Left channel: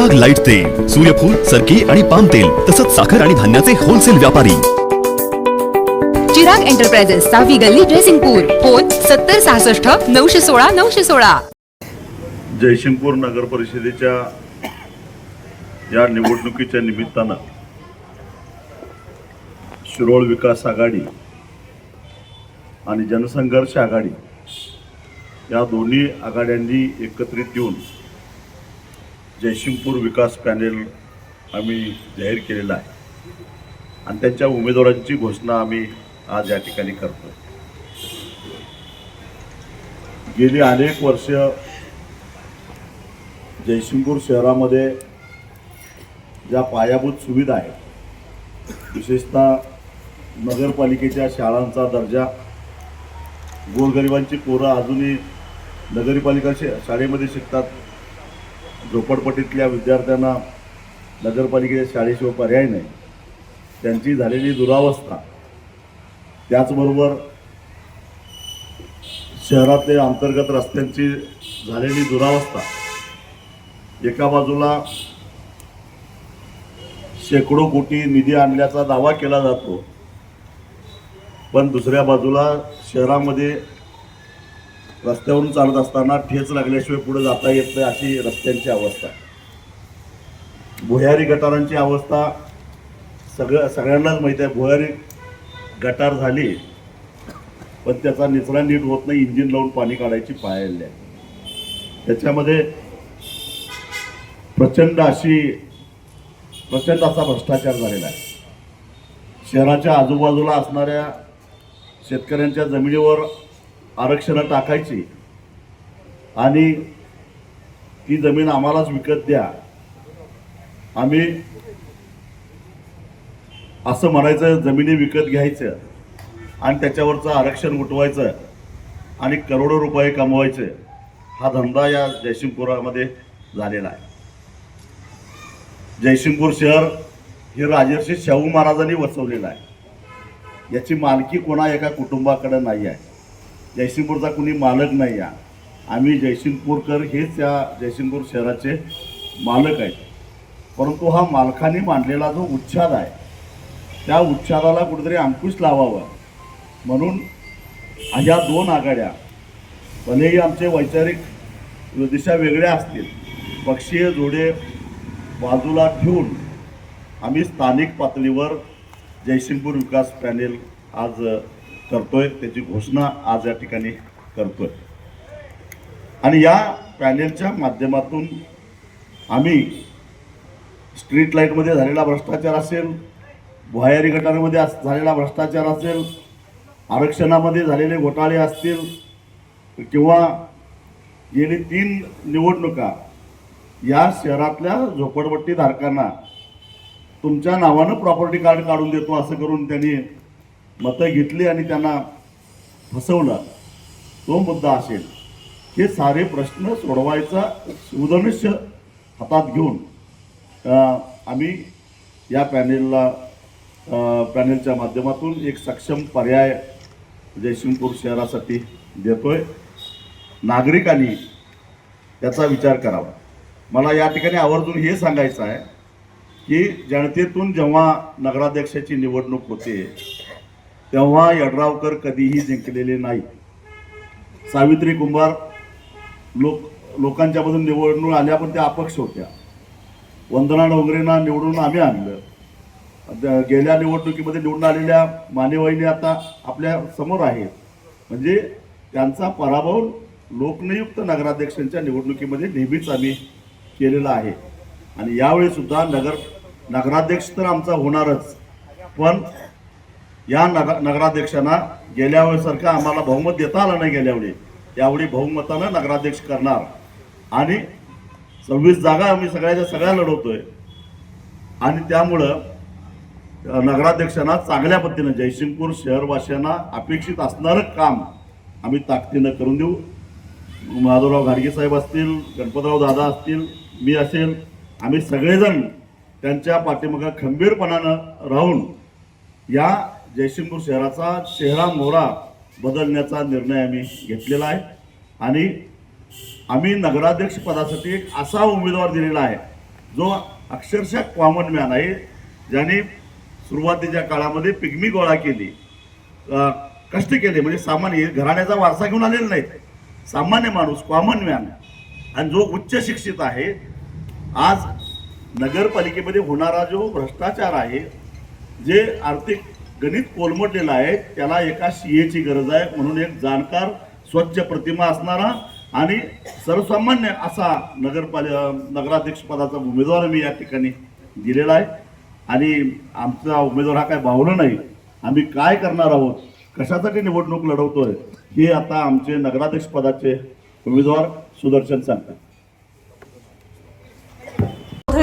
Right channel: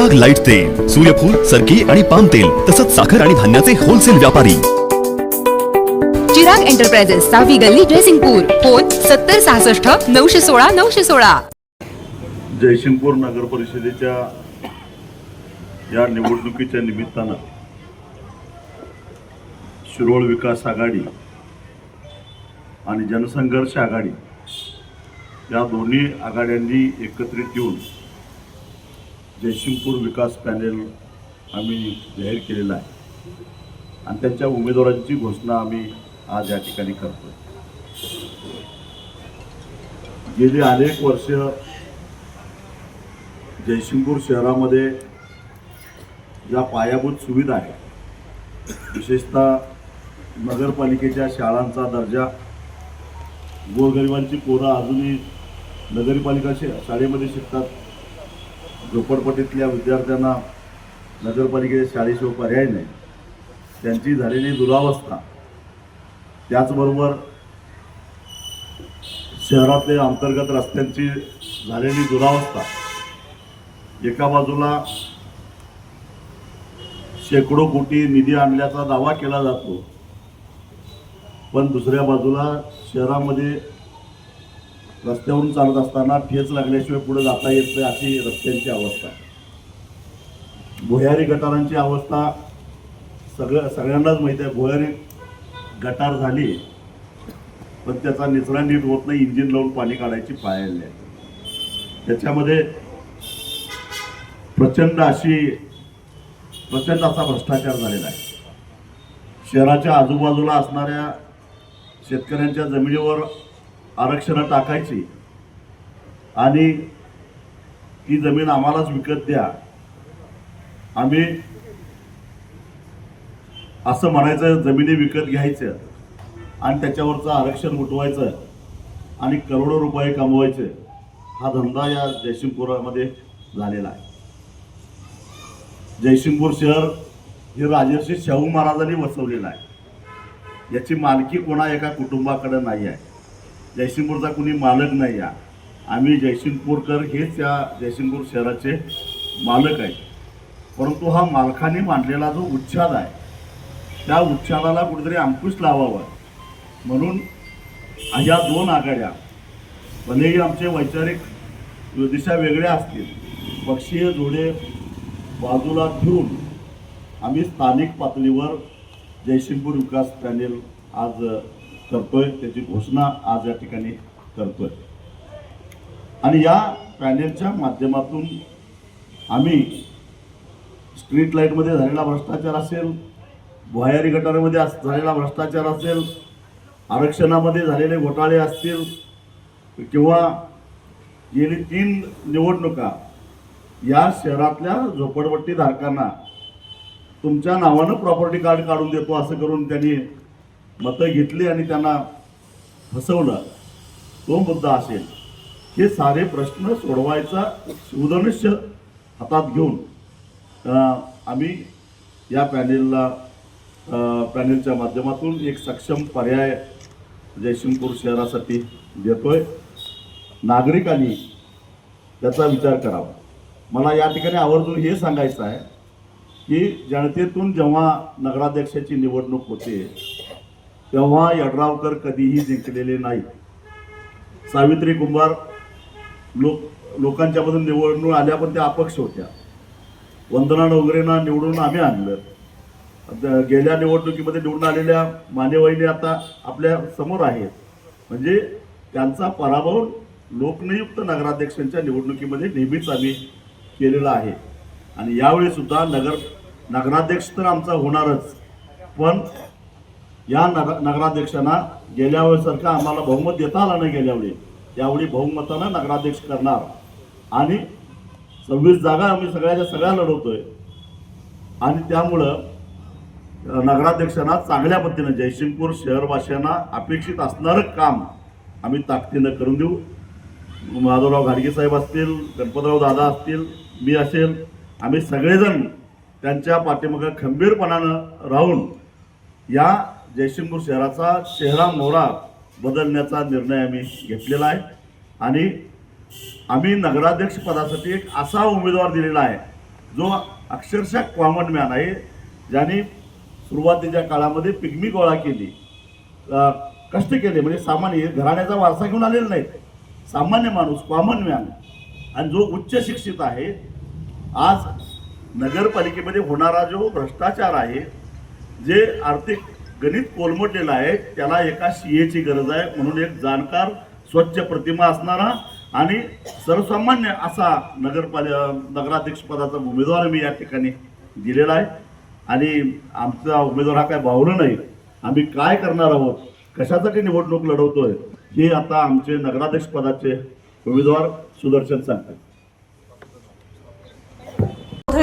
Chirag light तेल सूर्यफूल सरकी आणि पाम तेल तसंच साखर आणि धान्याचे होलसेल व्यापारी. चिराग एंटरप्राइजेस सहावी गल्ली जयसिंगपूर. फोन सत्तर सहासष्ट नऊशे सोळा नऊशे सोळा. जयसिंगपूर नगर परिषदेच्या या निवडणुकीच्या निमित्तानं शिरोळ विकास आघाडी आणि जनसंघर्ष आघाडी या दोन्ही आघाड्यांनी एकत्रित येऊन जयसिंगपूर विकास पॅनेल आम्ही जाहीर केलेला आहे. आणि त्यांच्या उमेदवारांची घोषणा आम्ही आज या ठिकाणी करतो. गेली अनेक वर्ष जयसिंगपूर शहरामध्ये ज्या पायाभूत सुविधा आहेत विशेषतः नगरपालिकेच्या शाळांचा दर्जा गोरगरिबांची पोरं अजूनही नगरपालिका शे शाळेमध्ये शिकतात झोपडपट्टीतल्या विद्यार्थ्यांना नगरपालिकेच्या शाळेशिवाय पर्याय नाही. त्यांची झालेली दुरावस्था. त्याचबरोबर शहरातले अंतर्गत रस्त्यांची झालेली दुरावस्था. एका बाजूला शेकडो कोटी निधी आणल्याचा दावा केला जातो. पण दुसऱ्या बाजूला शहरामध्ये रस्त्यावरून चालत असताना ठेच लागल्याशिवाय पुढे जाता येत नाही अशी रस्त्यांची अवस्था. आहे भुयारी गटारांची अवस्था सगळं सगळ्यांनाच माहीत आहे. भुयारी गटार झाली पण त्याचा निचरा नीट होत नाही इंजिन लावून पाणी काढायची पाळली आहे त्याच्यामध्ये प्रचंड अशी प्रचंड असा भ्रष्टाचार झालेला आहे. शहराच्या आजूबाजूला असणाऱ्या शेतकऱ्यांच्या जमिनीवर आरक्षणं टाकायची. आणि ती जमीन आम्हालाच विकत द्या. आम्ही असं म्हणायचं जमिनी विकत घ्यायचं आणि त्याच्यावरचं आरक्षण उठवायचं आणि करोडो रुपये कमवायचे हा धंदा या जयसिंगपुरामध्ये झालेला आहे. जयसिंगपूर शहर हे राजर्षी शाहू महाराजांनी वसवलेलं आहे. याची मालकी कोणा एका कुटुंबाकडे नाही आहे. जयसिंगपूरचा कुणी मालक नाही या. आम्ही जयसिंगपूरकर हेच या जयसिंगपूर शहराचे मालक आहेत. परंतु हा मालकाने मांडलेला जो उच्छाद आहे त्या उच्छादाला कुठेतरी अंकुश लावावा. म्हणून ह्या दोन आघाड्या भलेही आमचे वैचारिक दिशा वेगळ्या असतील पक्षीय जोडे बाजूला ठेवून आम्ही स्थानिक पातळीवर जयसिंगपूर विकास पॅनेल आज करतोय त्याची घोषणा आज या ठिकाणी करतोय. आणि या पॅनेलच्या माध्यमातून आम्ही स्ट्रीट लाईटमध्ये झालेला भ्रष्टाचार असेल भुयारी गटारामध्ये अस- झालेला भ्रष्टाचार असेल आरक्षणामध्ये झालेले घोटाळे असतील किंवा गेली तीन निवडणुका या शहरातल्या झोपडपट्टीधारकांना तुमच्या नावानं प्रॉपर्टी कार्ड काढून देतो असं करून त्यांनी मतं घेतली आणि त्यांना फसवलं. तो मुद्दा असेल हे सारे प्रश्न सोडवायचा सुधनुष्य हातात घेऊन आम्ही या पॅनेलला पॅनेलच्या माध्यमातून एक सक्षम पर्याय जयसिंगपूर शहरासाठी देतोय. नागरिकांनी त्याचा विचार करावा. मला या ठिकाणी आवर्जून हे सांगायचं आहे की जनतेतून जेव्हा नगराध्यक्षाची निवडणूक होते तेव्हा यड्रावकर कधीही जिंकलेले नाही सावित्री कुंभार लोक लोकांच्यामधून निवडणूक आल्या पण त्या अपक्ष होत्या. वंदना डोंगरेंना निवडून आम्ही आणलं. गेल्या निवडणुकीमध्ये निवडून आलेल्या मानेवाईने आता आपल्यासमोर आहेत. म्हणजे त्यांचा पराभव लोकनियुक्त नगराध्यक्षांच्या निवडणुकीमध्ये नेहमीच आम्ही केलेला आहे. आणि यावेळीसुद्धा नगर नगराध्यक्ष तर आमचा होणारच. पण या नग नगराध्यक्षांना गेल्या वेळेसारखं आम्हाला बहुमत देता आलं नाही गेल्यावेळी यावेळी बहुमतानं नगराध्यक्ष करणार. आणि सव्वीस जागा आम्ही सगळ्याच्या सगळ्या लढवतोय. आणि त्यामुळं नगराध्यक्षांना चांगल्या पद्धतीनं जयसिंगपूर शहरवासियांना अपेक्षित असणारं काम आम्ही ताकदीनं करून देऊ. माधवराव घाडगे साहेब असतील गणपतराव दादा असतील मी असेल आम्ही सगळेजण त्यांच्या पाठीमागं खंबीरपणानं राहून या जयसिंगपूर शहराचा चेहरा मोहरा बदलण्याचा निर्णय आम्ही घेतलेला आहे. आणि आम्ही नगराध्यक्ष पदासाठी एक असा उमेदवार दिलेला आहे जो अक्षरशः कॉमन मॅन आहे ज्याने सुरुवातीच्या काळामध्ये पिगमी गोळा केली. कष्ट केले म्हणजे सामान्य घराण्याचा वारसा घेऊन आलेला नाही सामान्य माणूस कॉमन मॅन आणि जो उच्च शिक्षित आहे आज नगरपालिकेमध्ये होणारा जो भ्रष्टाचार आहे जे आर्थिक गणित कोलमडलेलं आहे. त्याला एका सीएची गरज आहे. म्हणून एक जाणकार स्वच्छ प्रतिमा असणारा आणि सर्वसामान्य असा नगरपालिका नगराध्यक्षपदाचा उमेदवार मी या ठिकाणी दिलेला आहे. आणि आमचा उमेदवार हा काय भावलं नाही. आम्ही काय करणार आहोत? कशासाठी निवडणूक लढवतोय? हे आता आमचे नगराध्यक्षपदाचे उमेदवार सुदर्शन सांगतात.